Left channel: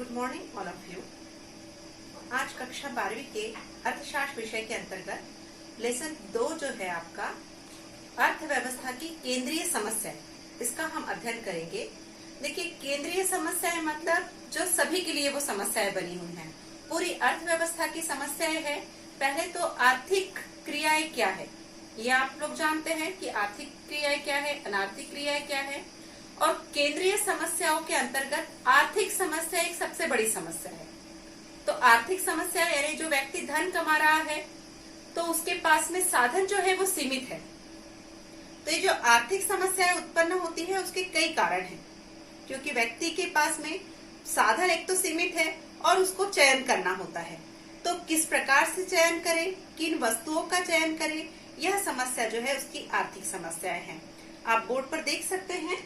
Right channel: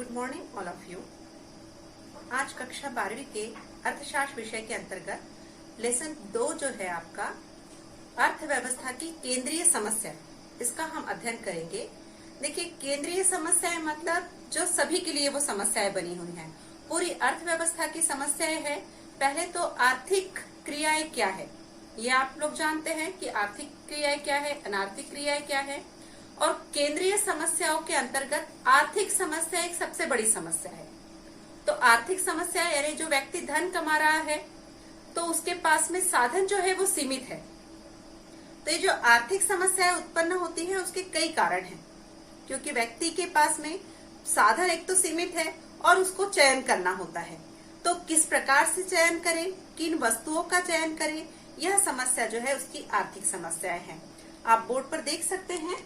Good morning all of you. आज कक्षा 12वीं के अर्थशास्त्र विषय के अंतर्गत लेसन 2 जो है आपका अर्थव्यवस्था की केंद्रीय समस्या, इसका हम अध्ययन करेंगे। देखिए, केंद्रीय समस्याएं मतलब जो सभी के लिए वो समस्याएं बनी हुई हैं। पूरी अर्थव्यवस्था की समस्याएं है। पहले तो आर्थिक क्रियाएं क्या है, ये आप लोग जानते हैं कि आर्थिक क्रियाएं क्या है, अनार्थिक क्रियाएं क्या है। और केंद्रीय समस्याओं के अंतर्गत आर्थिक समस्या एक सबसे बड़ी समस्या है। तो आर्थिक समस्या यानी जो व्यक्ति धन कमा रहा है तो उसके पास में साधन जो है वो सीमित है। तो ये जो आर्थिक समस्याएं उत्पन्न होती है उसके कई कारण हैं, क्योंकि व्यक्ति के पास में साधन एक तो सीमित है और उसको चयन करना होता है। तो किस प्रकार से चयन करें, किन वस्तुओं का चयन करें, यह समस्या जो है उसकी आर्थिक समस्याएं हैं। आप बोर्ड पर देख सकते हैं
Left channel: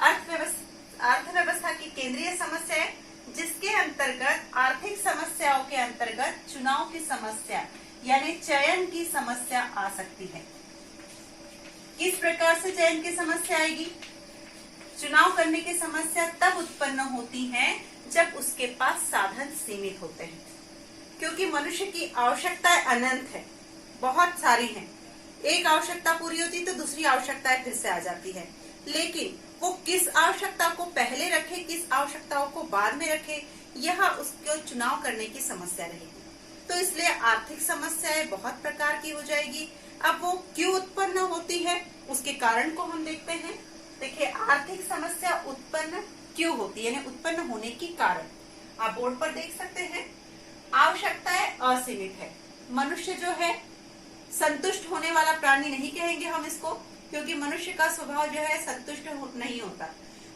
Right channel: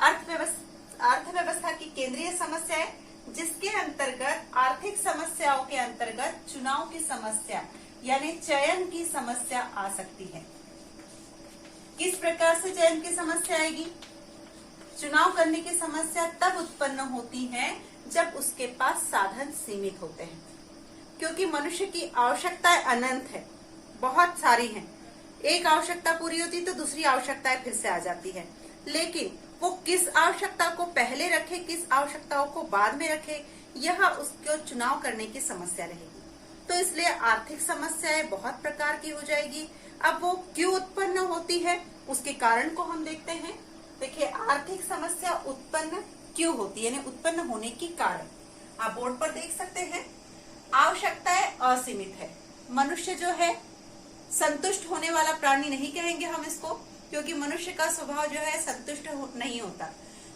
अर्थव्यवस्था की केंद्रीय समस्याएं, जिसके अंतर्गत आर्थिक समस्याओं के अंतर्गत चुनाव की समस्या यानी चयन की समस्या आ सकती है। किस प्रकार से चयन की समस्या आएगी? चुनाव करने की समस्या तब उत्पन्न होती है जब उसके पास साधन सीमित होते हैं, क्योंकि मनुष्य की आवश्यकताएं अनंत है, बहुत सारी हैं। एक आवश्यकता पूरी होती तो दूसरी आवश्यकताएं फिर से आ जाती है, लेकिन वो किस आवश्यकता को पहले रखे, किस आवश्यकताओं को बाद में रखे, यह उसको चुनाव करने की समस्या रहेगी। तो इसलिए आर्थिक समस्याएं बहुत प्रकार की हो जाएगी। अब वो क्यों उत्पन्न होती है, उसके कारण को हम देखते हैं। देखिए, आर्थिक समस्या उत्पन्न क्यों होती है, यानी उत्पन्न होने की कारण आप बोर्ड पर देख सकते हैं। आवश्यकताएं असीमित है। मनुष्य जो है संतुष्ट होने वाला प्राणी नहीं कहेंगे हम इसको, क्योंकि मनुष्य का स्वभाव जो है संतुष्ट नहीं होता।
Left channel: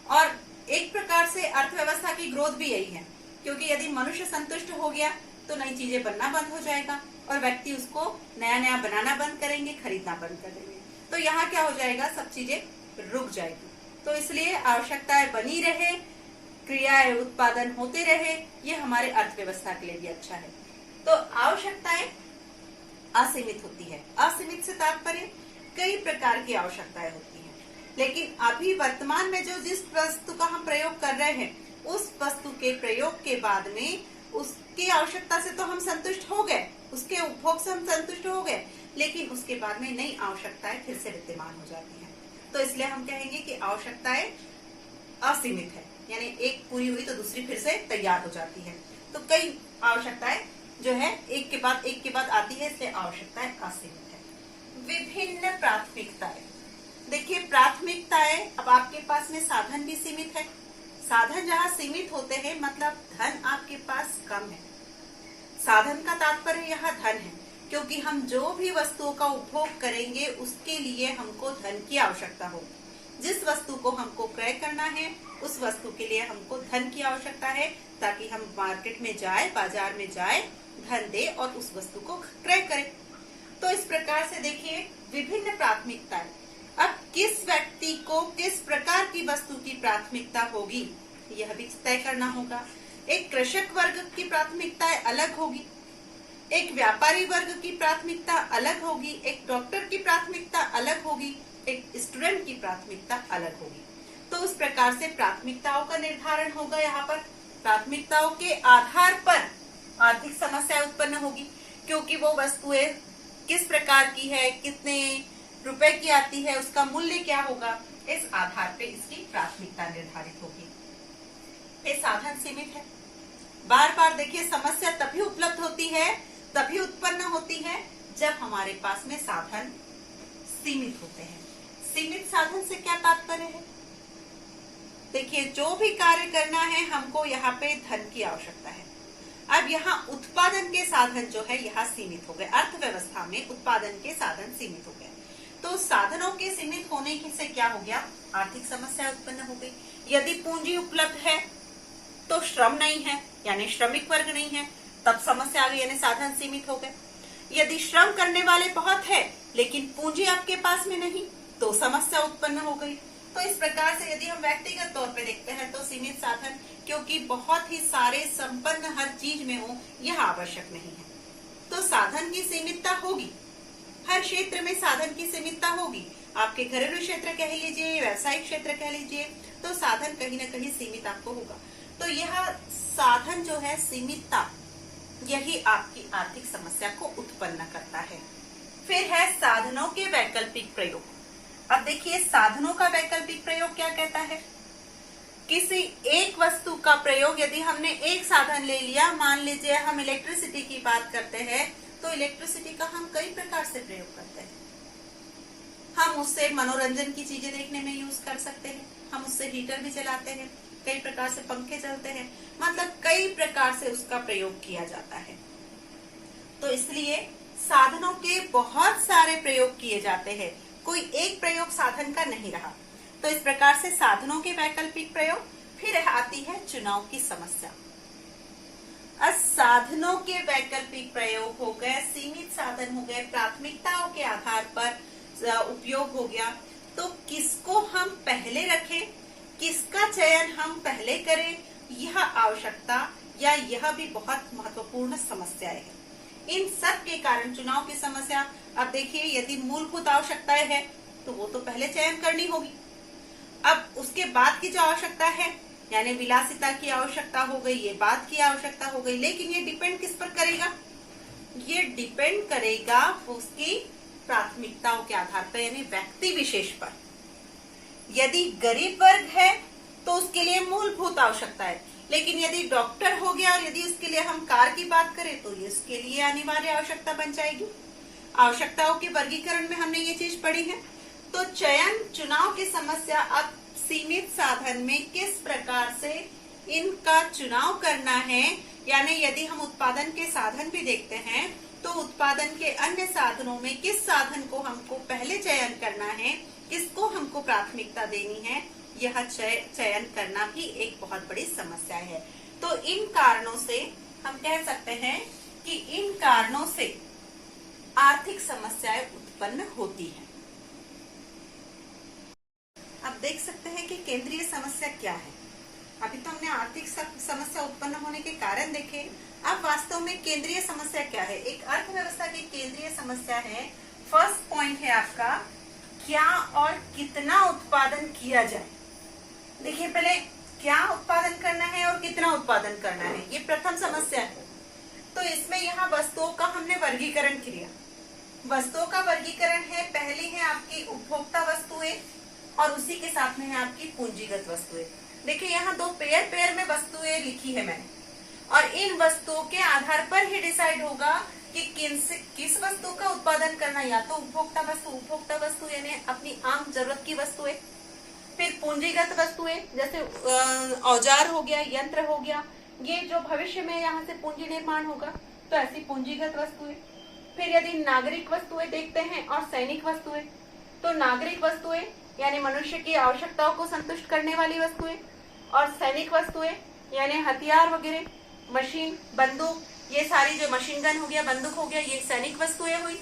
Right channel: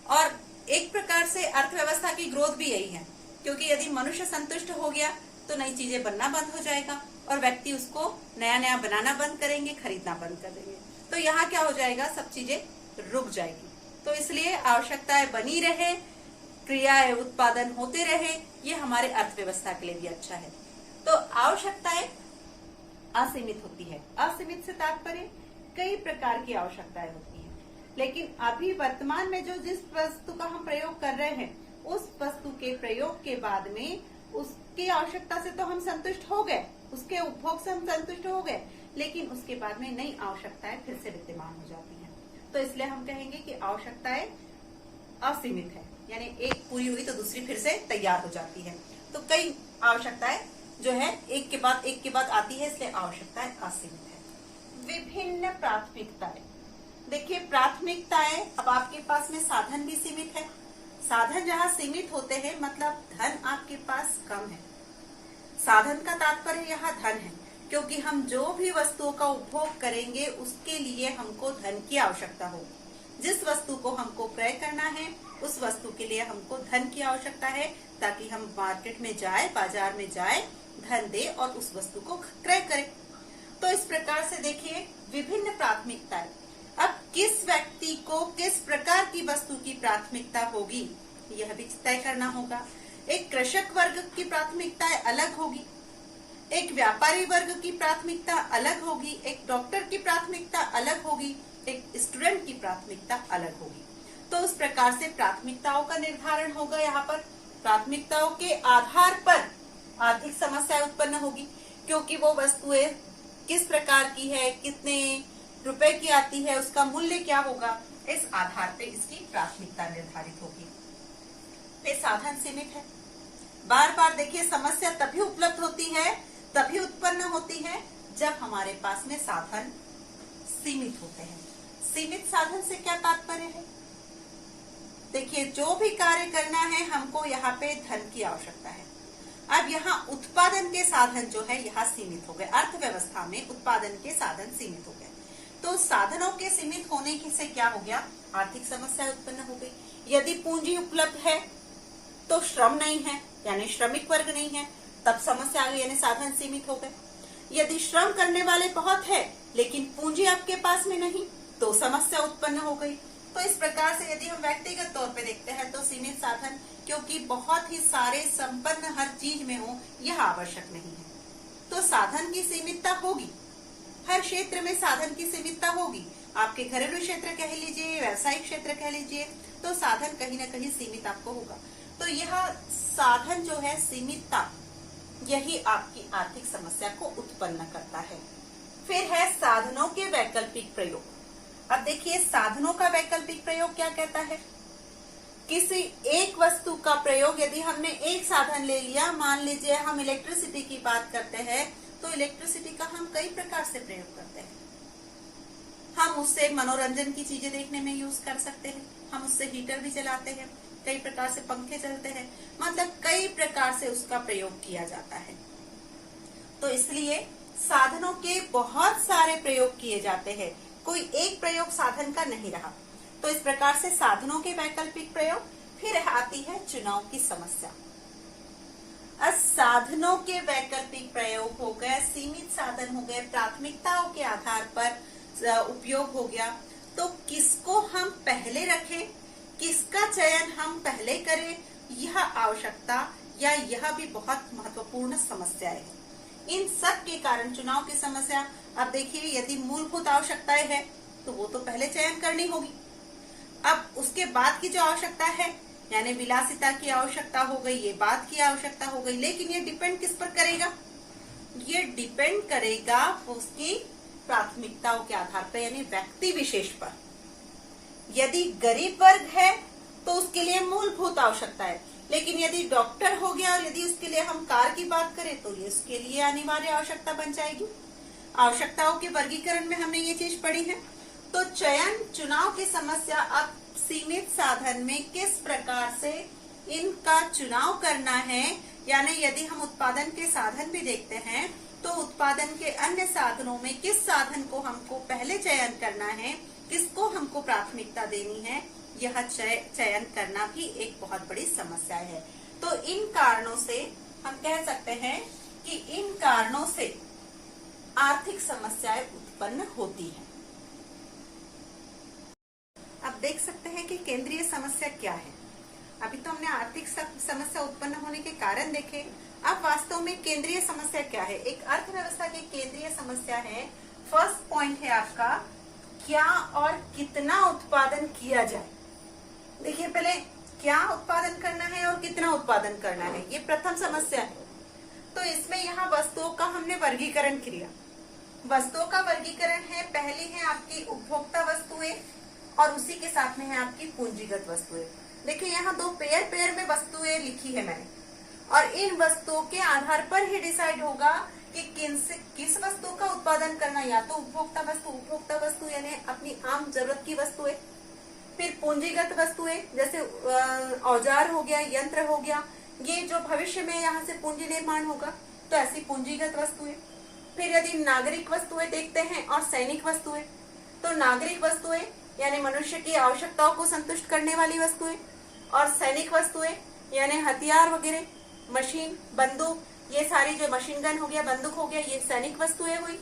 और एक प्रकार से अर्थव्यवस्था की ग्रोथ भी यही है, क्योंकि यदि मनुष्य संतुष्ट हो गया तो नई चीजें बनना बंद हो जाएगा और व्यक्ति उसको नया नया बनाना बंद करेंगे, खरीदना बंद कर देंगे। तो यहाँ क्या हो जाएगा, सब चीजें रुक जाएगी। तो इसलिए आवश्यकताएं बनी रहे, क्रियाएं उत्पादन होते रहे, ये हमारे अर्थव्यवस्था के लिए भी अच्छा है। तो आवश्यकताएं असीमित होती है। असीमित से तात्पर्य कई प्रकार की आवश्यकताएं होती हैं, लेकिन अभी वर्तमान में जो जिस वस्तु का हम प्रयोग कर रहे हैं, उस वस्तु के प्रयोग के बाद में उसकी आवश्यकता से तो हम संतुष्ट हो गए, उसके उपभोग से हम संतुष्ट हो गए, लेकिन उसके बाद में नई आवश्यकताएं फिर से विद्यमान हो जाती हैं। तो इसलिए हम कहेंगे कि आवश्यकताएं असीमित है, यानी एक पूरी हुई तो दूसरी फिर से तैयार हो जाती है। तो कई आवश्यकताएं जो है एक के बाद आती है, इसलिए आवश्यकताएं असीमित है। विभिन्न प्राथमिकताएं, देखिए प्राथमिकताएं, अब आपके पास में साधन भी सीमित है। साधन जहाँ सीमित होते हैं मतलब धन आपके पास कम है। साधन का तात्पर्य यहाँ धन है, क्योंकि हम जो भी वस्तुओं का उपभोग करेंगे उसके लिए हमको धन की आवश्यकता होगी। जिस वस्तु को हमको क्रय करना है उस वस्तु के लिए हमको धन की आवश्यकता है, ताकि हम मार्केट में जाए, बाजार में जाए, धन दे और उस वस्तु को क्रय करें। तो इस प्रकार से देखिए विभिन्न प्राथमिकताएं। अब किस व्यक्ति को किस प्रकार की वस्तु की प्राथमिकता होगी यह भी तय करना होगा। एक कृषक वर्ग की प्राथमिकताएं अलग होगी, एक व्यापारी वर्ग की प्राथमिकता अलग होगी, एक डॉक्टर की प्राथमिकता अलग होगी, एक स्टूडेंट की प्राथमिकता अलग होगी। तो उस प्रकार से प्राथमिकताओं का निर्धारण होगा। यहाँ पर प्राथमिकताओं के आधार पर आर्थिक समस्या उत्पन्न होगी, क्योंकि वो वस्तुएं किस प्रकार की है, कितने रुपए की आती है, उसका मूल्य क्या होगा, इस आधार पे इसकी प्राथमिकता निर्धारित होगी। ये साधन सीमित है। बार बार देखिए, समस्या तभी उपलब्ध होती है, तभी उत्पन्न होती है जब हमारे पास में साधन सीमित होते हैं। सीमित साधन से क्या तात्पर्य है? देखिए, जो भी कार्य करना है हमको यहाँ पे धन की आवश्यकता है। अब यहाँ उत्पादन के साधन जो है यहाँ सीमित हो गए। अर्थव्यवस्था में उत्पादन के साधन सीमित हो गए, तो साधनों के सीमित होने से क्या हो गया, आर्थिक समस्या उत्पन्न हो गई। यदि पूंजी उपलब्ध है तो श्रम नहीं है, यानी श्रमिक वर्ग नहीं है, तब समस्या आ गई, यानी साधन सीमित हो गए। यदि श्रम करने वाले बहुत है लेकिन पूंजी आपके पास में नहीं, तो समस्या उत्पन्न हो गई। तो इस प्रकार से यदि हम व्यक्तिगत तौर पे देखते हैं तो सीमित साधन, क्योंकि बहुत ही सारे संपन्न हर चीज में हो यह आवश्यक नहीं है। तो साधन की सीमितता होगी, हर क्षेत्र में साधन की सीमितता होगी। आपके घरेलू क्षेत्र कह लीजिए, व्यावसायिक क्षेत्र कह लीजिए, तो साधन कहीं न कहीं सीमित आपको होगा। तो यह साधन जो है सीमितता, यही आपकी आर्थिक समस्या को उत्पन्न करता है। फिर है साधनों के वैकल्पिक प्रयोग। अब देखिए साधनों का वैकल्पिक प्रयोग क्या कहता है। किसी एक वस्तु का प्रयोग, यदि हमने एक साधन ले लिया, मान लीजिए हम इलेक्ट्रिसिटी की बात करते हैं, तो इलेक्ट्रिसिटी का हम कई प्रकार से प्रयोग करते हैं। हम उससे मनोरंजन की चीजें देखने में यूज कर सकते हैं, हम उससे हीटर भी चलाते हैं, कई प्रकार से पंखे चलते हैं, मतलब कई प्रकार से उसका प्रयोग किया जाता है। तो इसलिए साधनों के बहुत सारे प्रयोग किए जाते हैं, कोई एक प्रयोग साधन का नहीं रहा। तो इस प्रकार से साधनों के वैकल्पिक प्रयोग। फिर आती है चुनाव की समस्या। अब साधनों के वैकल्पिक प्रयोग हो गए, सीमित साधन हो गए, प्राथमिकताओं के आधार पर उपयोग हो गया। तो किसको हम पहले रखें, किसका चयन हम पहले करें, यह आवश्यकता या यह भी बहुत महत्वपूर्ण समस्या है। इन सब के कारण चुनाव की समस्या। अब देखिए यदि मूलभूत आवश्यकताएं है तो वो तो पहले चयन करनी होगी। अब उसके बाद की जो आवश्यकता है, यानी विलासिता की आवश्यकता हो गई, ये बाद की आवश्यकता हो गई, लेकिन ये डिपेंड किस पर करेगा, ये डिपेंड करेगा उसकी प्राथमिकताओं के आधार पर, यानी व्यक्ति विशेष पर। यदि गरीब वर्ग है तो उसके लिए मूलभूत आवश्यकता है, लेकिन यदि डॉक्टर हो गया और यदि उसके लिए हम कार की बात करें तो ये उसके लिए अनिवार्य आवश्यकता बन जाएगी। आवश्यकताओं के वर्गीकरण में हमने ये चीज पढ़ी है। तो चुनाव की समस्या। अब सीमित साधन में किस प्रकार से इनका चुनाव करना है, यानी यदि हम उत्पादन के साधन भी देखते हैं तो उत्पादन के अन्य साधनों में किस साधन को हमको पहले चयन करना है, किसको हमको प्राथमिकता देनी है, यह चयन करना भी एक बहुत बड़ी समस्या है। तो इन कारणों से हम कह सकते हैं कि इन कारणों से आर्थिक समस्याएं उत्पन्न होती हैं। अब देख सकते हैं कि केंद्रीय समस्या क्या है। अभी तो हमने आर्थिक समस्या उत्पन्न होने के कारण देखे, अब वास्तव में केंद्रीय समस्या क्या है। एक अर्थव्यवस्था की केंद्रीय समस्या है, फर्स्ट पॉइंट है आपका, क्या और कितना उत्पादन किया जाए। देखिए पहले क्या उत्पादन करना है और कितना उत्पादन करना है, ये प्रथम समस्या है। तो इसमें यहाँ वस्तुओं का हमने वर्गीकरण किया। वस्तुओं का वर्गीकरण है, पहली है आपकी उपभोक्ता वस्तुएं और उसी के साथ में है आपकी पूंजीगत वस्तुएं। देखिए यहाँ दो पेयर में वस्तुएं लिखी है मैंने, और इन वस्तुओं के आधार पर ही डिसाइड होगा कि किस वस्तु का उत्पादन करना। या तो उपभोक्ता वस्तु यानी अपनी आम जरूरत की वस्तुएं, फिर पूंजीगत वस्तुएं जैसे औजार हो गया, यंत्र हो गया, ये जो भविष्य में यहाँ से पूंजी निर्माण होगा, तो ऐसी पूंजीगत वस्तुएं। फिर यदि नागरिक वस्तुएं देखते हैं और सैनिक वस्तुएं, तो नागरिक वस्तुएं यानी मनुष्य की आवश्यकताओं को संतुष्ट करने वाली वस्तुएं, और सैनिक वस्तुएं यानी हथियार वगैरह, मशीन, बंदूक, ये सारी जो मशीन गन हो गया, बंदूक हो गया, ये सैनिक वस्तुएं हुई।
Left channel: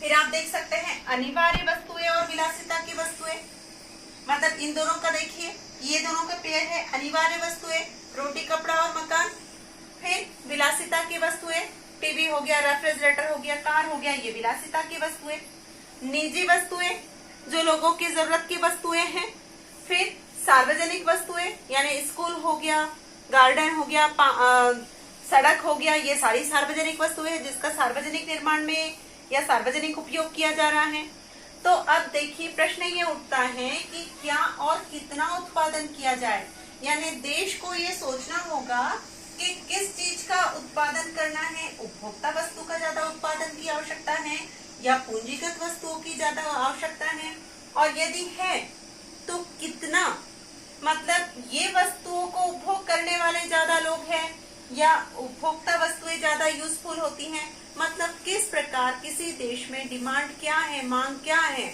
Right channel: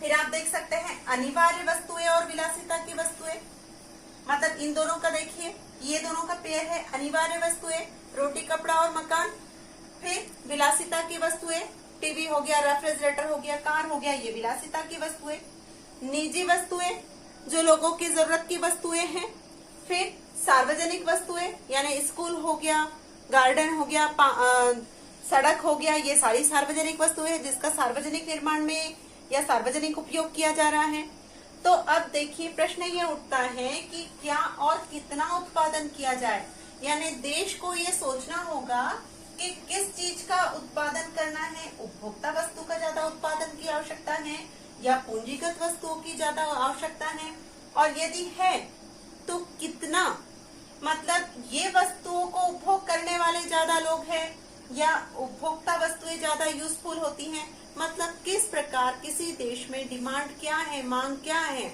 फिर आप देख सकते हैं अनिवार्य वस्तुएं और विलासिता की वस्तुएं, मतलब इन दोनों का देखिए, ये दोनों का पेयर है। अनिवार्य वस्तुएं रोटी, कपड़ा और मकान। फिर विलासिता की वस्तुएं, टीवी हो गया, रेफ्रिजरेटर हो गया, कार हो गया, ये विलासिता की वस्तुएं। निजी वस्तुएं जो लोगों की जरूरत की वस्तुएं हैं। फिर सार्वजनिक वस्तुएं यानी स्कूल हो गया, गार्डन हो गया, सड़क हो गया, ये सारी सार्वजनिक वस्तुएं हैं जिसका सार्वजनिक निर्माण में या सार्वजनिक उपयोग किया जा रहा है। तो अब देखिए प्रश्न ये उठता है कि क्या और कितना उत्पादन किया जाए, यानी देश को ये सोचना होगा कि किस चीज का उत्पादन करना है। उपभोक्ता वस्तु का ज्यादा उत्पादन की आवश्यकता है या पूंजीगत वस्तुओं की ज्यादा आवश्यकता है, और यदि है तो कितना, मतलब ये वस्तुओं को उपभोग करने वाले ज्यादा लोग हैं या उपभोक्ता वस्तुएं ज्यादा यूजफुल होती हैं, मतलब किस प्रकार किसी देश में डिमांड क्या है, मांग क्या है,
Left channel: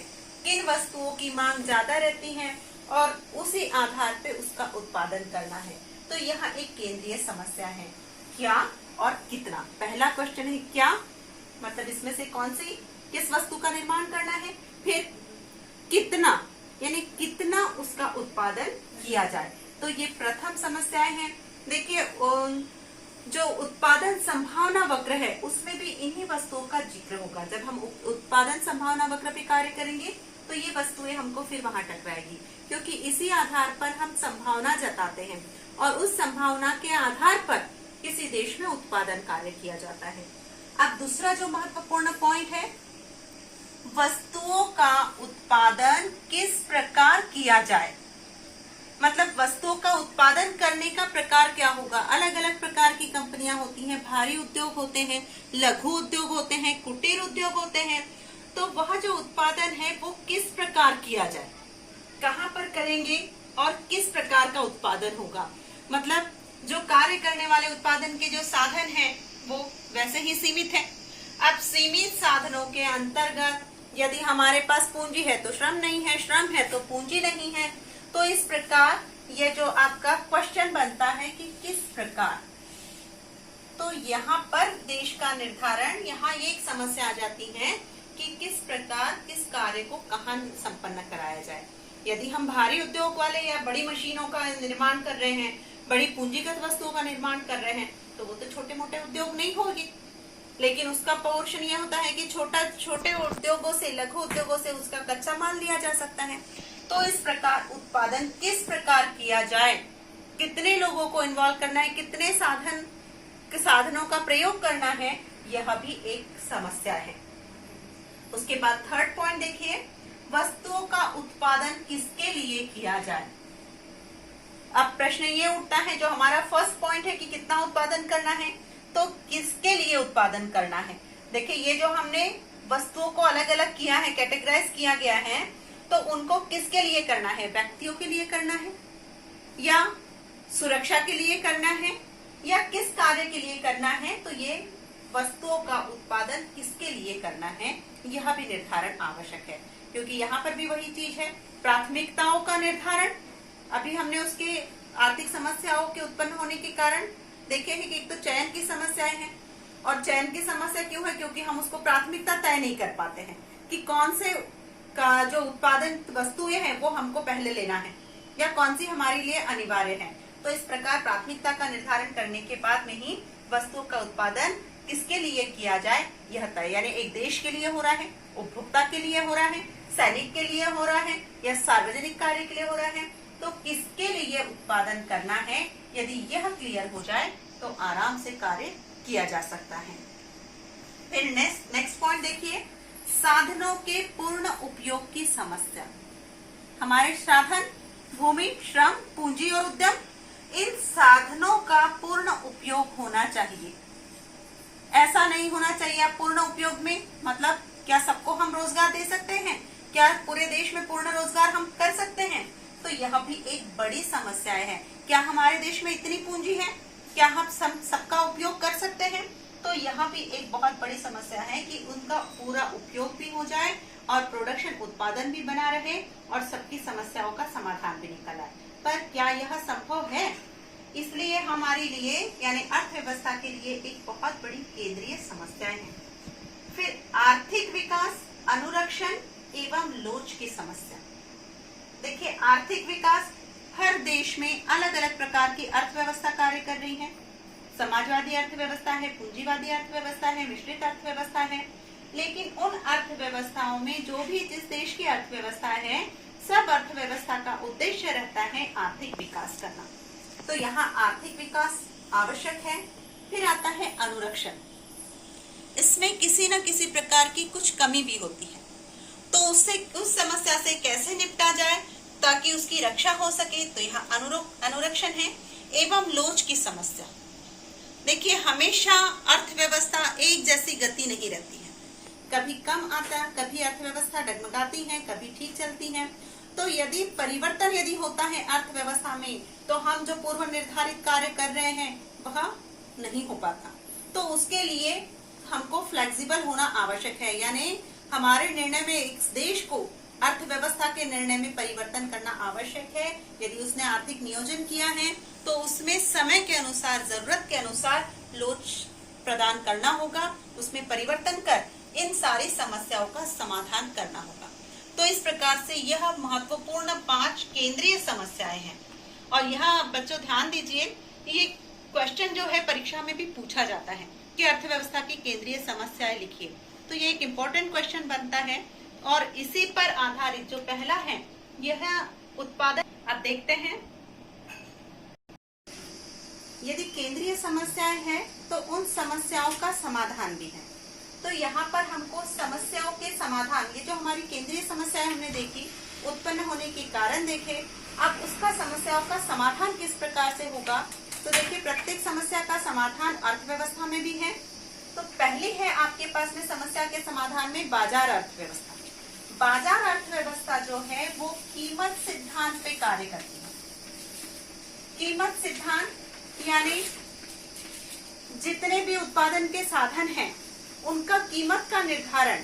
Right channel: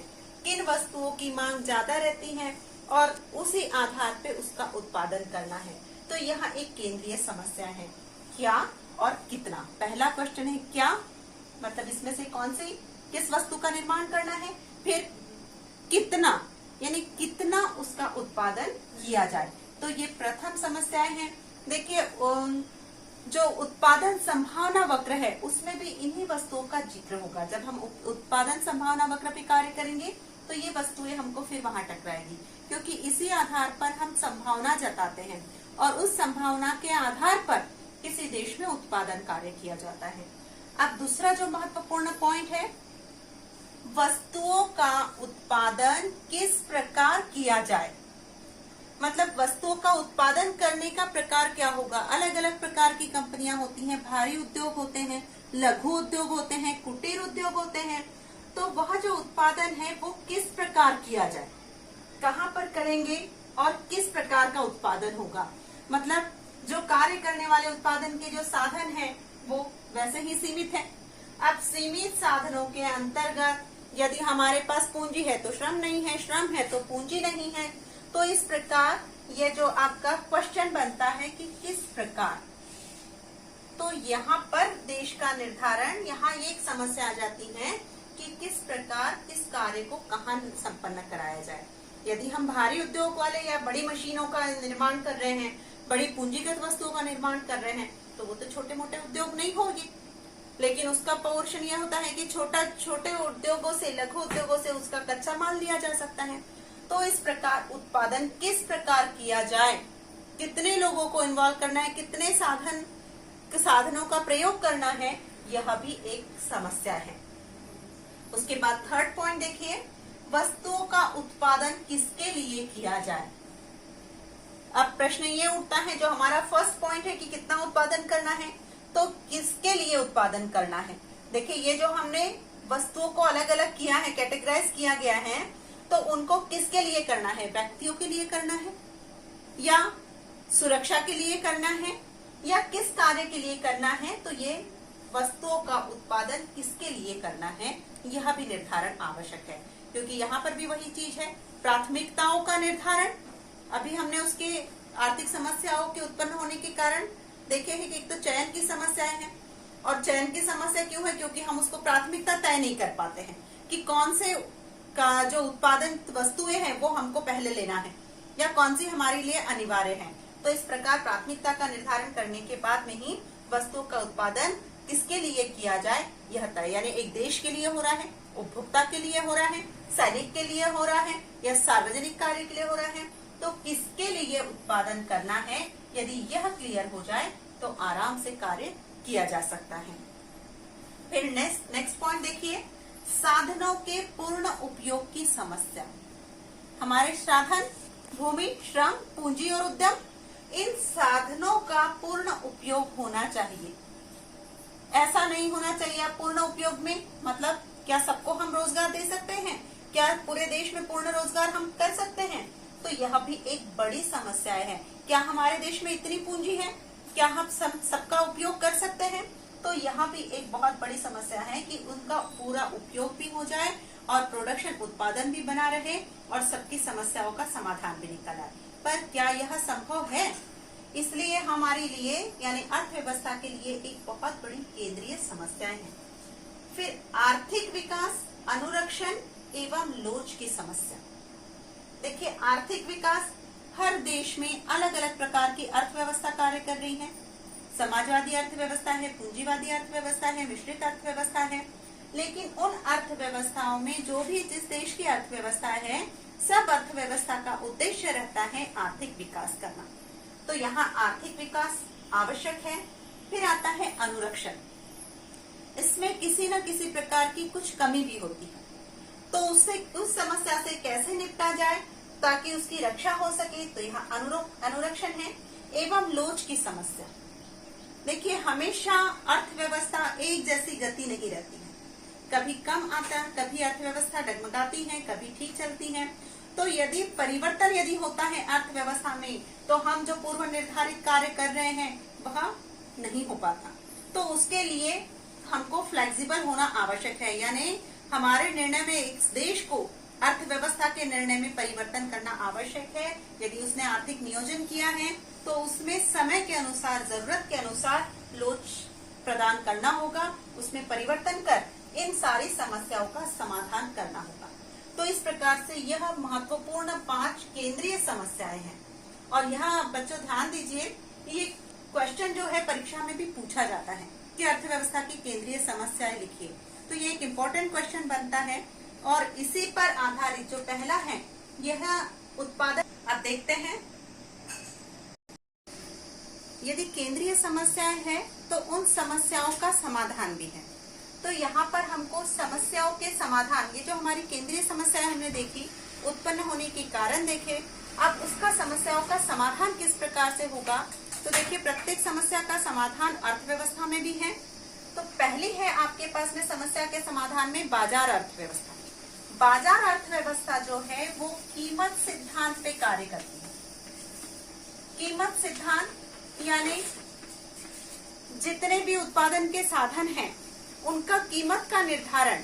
किन वस्तुओं की मांग ज्यादा रहती है और उसी आधार पे उसका उत्पादन करना है। तो यह एक केंद्रीय समस्या है, क्या और कितना। पहला क्वेश्चन है क्या, मतलब इसमें से कौन सी किस वस्तु का निर्माण करना है, फिर कितना यानी कितना उसका उत्पादन किया जाए। तो ये प्रथम समस्याएं हैं। देखिए जो उत्पादन संभावना वक्र है उसमें भी इन्हीं वस्तुओं का जिक्र होगा। जब हम उत्पादन संभावना वक्र पे कार्य करेंगे तो ये वस्तुएं हमको फिर वहां टकराएगी, क्योंकि इसी आधार पर हम संभावना जताते हैं। और उस संभावना के आधार पर किसी देश में उत्पादन कार्य किया जाता है। अब दूसरा जो महत्वपूर्ण पॉइंट है, वस्तुओं का उत्पादन किस प्रकार किया जाए। मतलब वस्तुओं का उत्पादन करने का प्रकार क्या होगा। अलग अलग प्रकार की कंपनियां होती हैं, भारी उद्योग होते हैं, लघु उद्योग होते हैं, कुटीर उद्योग होते हैं। तो वह जो उत्पादन है वो किस प्रकार किया जाए, कहां पर करेंगे और किस प्रकार का उत्पादन होगा। मतलब जो कार्य करने वाले उत्पादन के जो साधन हैं वो वैसे ही सीमित है। अब सीमित साधनों के अंतर्गत यदि हमारे पास पूंजी है तो श्रम नहीं है, श्रम है तो पूंजी नहीं है। तो इस प्रकार ये जो आपका क्वेश्चन बनता है कि किस प्रकार, तो यहाँ पर देश का निर्धारण, यहाँ ये एक समस्या आ जाती है कि किस प्रकार किस कार्य को कहाँ संपन्न कराया जाए। यदि हम भारी उद्योग वाले या बड़ी मशीनों का निर्माण कर रहे हैं, बड़ी पूंजीगत वस्तुओं का निर्माण कर रहे हैं, तो वो तो छोटे मोटे उद्योग नहीं होगी। लेकिन उसका पोर्शन ये होता है कि छोटे उद्योगों से, लघु उद्योगों से उसका कच्चा माल लिया जा सकता है। तो इस प्रकार उत्पादन किस प्रकार किया जाए, कितने लोगों को इन्वॉल्व करना है, कितने साधनों का प्रयोग करना है, यह भी एक समस्या है। उसके बाद थर्ड पॉइंट देखिए, वस्तुओं का उत्पादन किसके लिए किया जाए। अब प्रश्न ये उठता है, जो हमारा फर्स्ट पॉइंट है कि कितना उत्पादन करना है, तो किसके लिए उत्पादन करना है। देखिए ये जो हमने वस्तुओं को अलग अलग किया है, कैटेगराइज किया गया है, तो उनको किसके लिए करना है, व्यक्तियों के लिए करना है या सुरक्षा के लिए करना है या किस कार्य के लिए करना है। तो ये वस्तुओं का उत्पादन किसके लिए करना है, यह भी निर्धारण आवश्यक है। क्योंकि यहाँ पर भी वही चीज है, प्राथमिकताओं का निर्धारण। अभी हमने उसके आर्थिक समस्याओं के उत्पन्न होने के कारण देखे हैं कि एक तो चयन की समस्याएं हैं, और चयन की समस्या क्यों है, क्योंकि हम उसको प्राथमिकता तय नहीं कर पाते हैं कि कौन से का जो उत्पादन वस्तुएं हैं वो हमको पहले लेना है या कौन सी हमारे लिए अनिवार्य है। तो इस प्रकार प्राथमिकता का निर्धारण करने के बाद में ही वस्तुओं का उत्पादन किसके लिए किया जाए यह तय, यानी एक देश के लिए हो रहा है, उपभोक्ता के लिए हो रहा है, सैनिक के लिए हो रहा है या सार्वजनिक कार्य के लिए हो रहा है, तो किसके लिए उत्पादन करना है। यदि यह क्लियर हो जाए तो आराम से कार्य किया जा सकता है। फिर नेक्स्ट पॉइंट देखिए, साधनों के पूर्ण उपयोग की समस्या। हमारे साधन भूमि, श्रम, पूंजी और उद्यम, इन साधनों का पूर्ण उपयोग होना चाहिए। ऐसा नहीं होना चाहिए आप पूर्ण उपयोग में, मतलब क्या सबको हम रोजगार दे सकते हैं, क्या पूरे देश में पूर्ण रोजगार हम कर सकते हैं। तो यह भी एक बड़ी समस्या है। क्या हमारे देश में इतनी पूंजी है, क्या हम सबका उपयोग कर सकते हैं। तो यह भी एक बहुत बड़ी समस्या है कि उनका पूरा उपयोग भी हो जाए और प्रोडक्शन, उत्पादन भी बना रहे और सबकी समस्याओं का समाधान भी निकल आए। पर क्या यह संभव है। इसलिए हमारे लिए यानी अर्थव्यवस्था के लिए एक बहुत बड़ी केंद्रीय समस्या है। फिर आर्थिक विकास, अनुरक्षण एवं लोच की समस्या। देखिए आर्थिक विकास, हर देश में अलग अलग प्रकार की अर्थव्यवस्था कार्य कर रही है। समाजवादी अर्थव्यवस्था है, पूंजीवादी अर्थव्यवस्था है, मिश्रित अर्थव्यवस्था है। लेकिन उन अर्थव्यवस्थाओं में जो भी जिस देश की अर्थव्यवस्था है, सब अर्थव्यवस्था का उद्देश्य रहता है आर्थिक विकास करना। तो यहाँ आर्थिक विकास आवश्यक है। फिर आता है अनुरक्षण। इसमें किसी न किसी प्रकार की कुछ कमी भी होती है, तो उससे उस समस्या से कैसे निपटा जाए ताकि उसकी रक्षा हो सके, तो यहाँ अनुरक्षण है। एवं लोच की समस्या। देखिए हमेशा अर्थव्यवस्था एक जैसी गति नहीं रहती है, कभी कम आता, कभी अर्थव्यवस्था डगमगाती है, कभी ठीक चलती है। तो यदि परिवर्तन यदि होता है अर्थव्यवस्था में, तो हम जो पूर्व निर्धारित कार्य कर रहे हैं वह नहीं हो पाता। तो उसके लिए हमको फ्लेक्सिबल होना आवश्यक है, यानी हमारे निर्णय में एक देश को अर्थव्यवस्था के निर्णय में परिवर्तन करना आवश्यक है। यदि उसने आर्थिक नियोजन किया है तो उसमें समय के अनुसार, जरूरत के अनुसार लोच प्रदान करना होगा, उसमें परिवर्तन कर इन सारी समस्याओं का समाधान करना होगा। तो इस प्रकार से यह महत्वपूर्ण 5 केंद्रीय समस्याएं हैं। और यहाँ बच्चों ध्यान दीजिए, ये क्वेश्चन जो है परीक्षा में भी पूछा जाता है कि अर्थव्यवस्था की केंद्रीय समस्याएं लिखिए। तो ये एक इम्पोर्टेंट क्वेश्चन बनता है और इसी पर आधारित जो पहला है यह उत्पादन। अब देखते हैं यदि केंद्रीय समस्याएं हैं तो उन समस्याओं का समाधान भी है। तो यहाँ पर हमको समस्याओं के समाधान, ये जो हमारी केंद्रीय समस्याएं हमने देखी, उत्पन्न होने के कारण देखे, अब उसका समस्याओं का समाधान किस प्रकार से होगा। तो देखिए, प्रत्येक समस्या का समाधान अर्थव्यवस्था में भी है। तो पहली है आपके पास में समस्या के समाधान में बाजार अर्थव्यवस्था। बाजार अर्थव्यवस्था जो है वो कीमत सिद्धांत पे कार्य करती है। कीमत सिद्धांत यानी जितने भी उत्पादन के साधन हैं उनका कीमत का निर्धारण,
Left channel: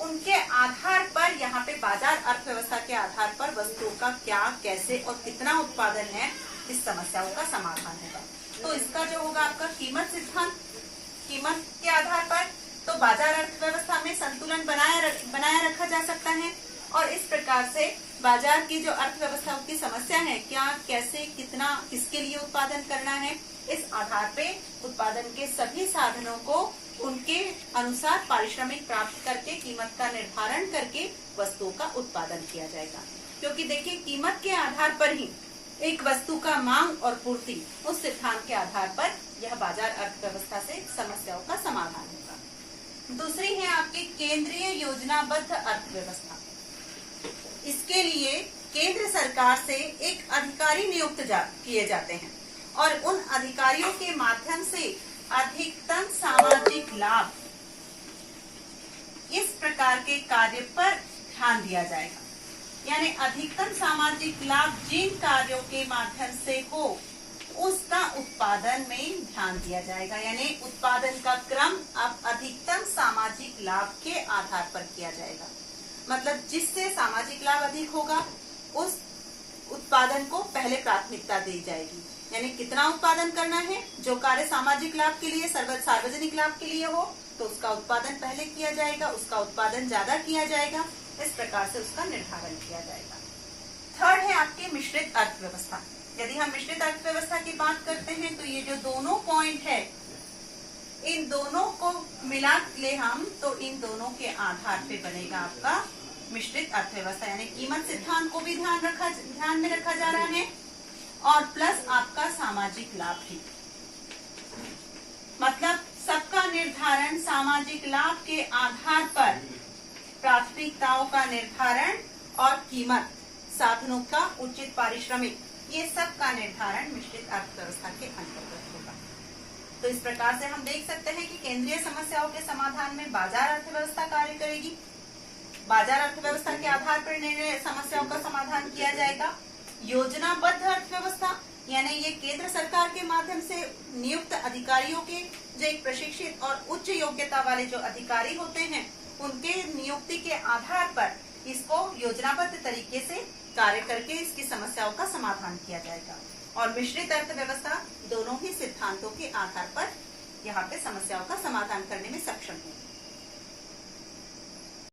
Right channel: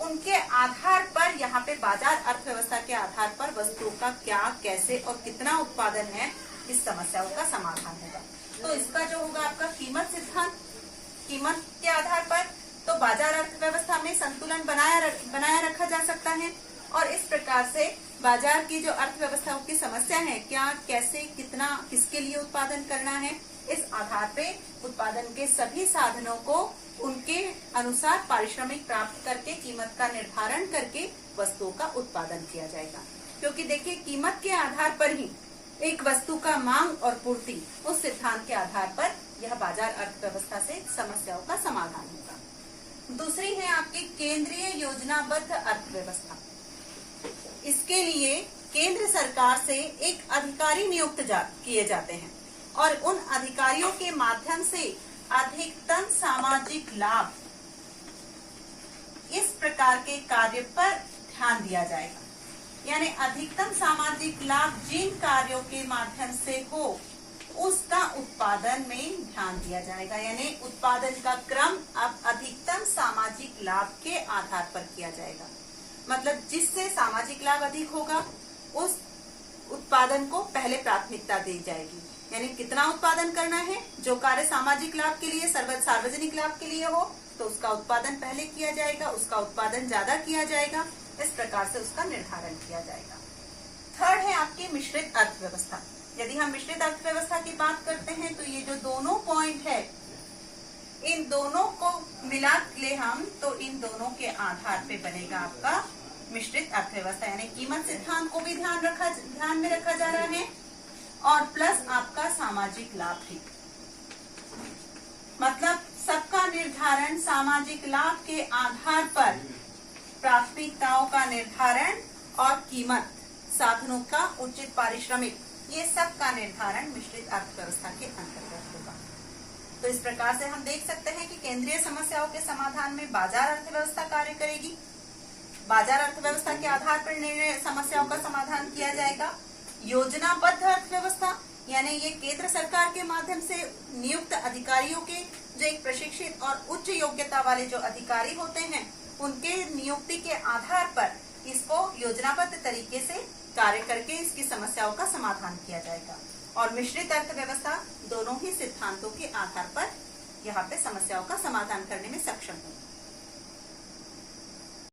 उनके आधार पर, यहाँ पे बाजार अर्थव्यवस्था के आधार पर वस्तुओं का क्या, कैसे और कितना उत्पादन है, इस समस्याओं का समाधान होगा। तो इसका जो होगा आपका कीमत सिद्धांत, कीमत के आधार पर तो बाजार अर्थव्यवस्था में संतुलन बनाया रखा जा सकता है। और इस प्रकार से बाजार की जो अर्थव्यवस्थाओं की समस्या है, क्या, कैसे, कितना, किसके लिए उत्पादन करना है, इस आधार पे उत्पादन के सभी साधनों को उनके अनुसार पारिश्रमिक प्राप्त करके कीमत का निर्धारण करके वस्तुओं का उत्पादन किया जाएगा। क्योंकि देखिए, कीमत के आधार पर ही एक वस्तु का मांग और पूर्ति, उस सिद्धांत के आधार पर यह बाजार अर्थव्यवस्था से समस्याओं का समाधान होगा। दूसरी है आपकी केंद्रीय योजनाबद्ध अर्थव्यवस्था। इसके लिए केंद्र सरकार से एक अधिकारी नियुक्त किए जाते हैं और उन अधिकारियों के माध्यम से अधिकतम सामाजिक लाभ, इस प्रकार के कार्य पर ध्यान दिया जाएगा। यानी अधिकतम सामाजिक लाभ जिन कार्यों के माध्यम से हो उसका उत्पादन में ध्यान दिया जाएगा। यानी उत्पादन का क्रम अब अधिकतम सामाजिक लाभ के आधार पर किया जाएगा। मतलब जिससे सामाजिक लाभ अधिक होगा उस उत्पादन को पहले प्राथमिकता दी जाएगी। यानी कितना उत्पादन करना है, जो कार्य सामाजिक लाभ के लिए, सार्वजनिक लाभ के लिए हो, तो उसका उत्पादन पहले किया जाएगा, उसका उत्पादन ज्यादा किया जाएगा। इस प्रकार से उसका निर्धारण किया जाएगा। थर्ड है आपकी मिश्रित अर्थव्यवस्था। यदि हम मिश्रित अर्थव्यवस्था की बात करते हैं तो ये जो दोनों पॉइंट है, इन दोनों को मिला ले हम, तो इन दोनों के आधार पे बनेगा आपका मिश्रित अर्थव्यवस्था। यानी कीमत सिद्धांत को भी ध्यान में रखा जा रहा है और प्लस आपका सामाजिक लाभ भी। मतलब सबका निर्धारण सामाजिक लाभ के आधार पर, प्राथमिकताओं का निर्धारण और कीमत, साधनों का उचित पारिश्रमिक, ये सब का निर्धारण मिश्रित अर्थव्यवस्था के अंतर्गत होगा। तो इस प्रकार से हम देख सकते हैं कि केंद्रीय समस्याओं के समाधान में बाजार अर्थव्यवस्था कार्य करेगी। बाजार अर्थव्यवस्था के आधार पर समस्याओं का समाधान किया जाएगा। योजनाबद्ध अर्थव्यवस्था यानी ये केंद्र सरकार के माध्यम से नियुक्त अधिकारियों के, जो एक प्रशिक्षित और उच्च योग्यता वाले जो अधिकारी होते हैं, उनके नियुक्ति के आधार पर इसको योजनाबद्ध तरीके से कार्य करके इसकी समस्याओं का समाधान किया जाएगा। और मिश्रित अर्थव्यवस्था दोनों ही सिद्धांतों के आधार पर यहाँ पे समस्याओं का समाधान करने में सक्षम है।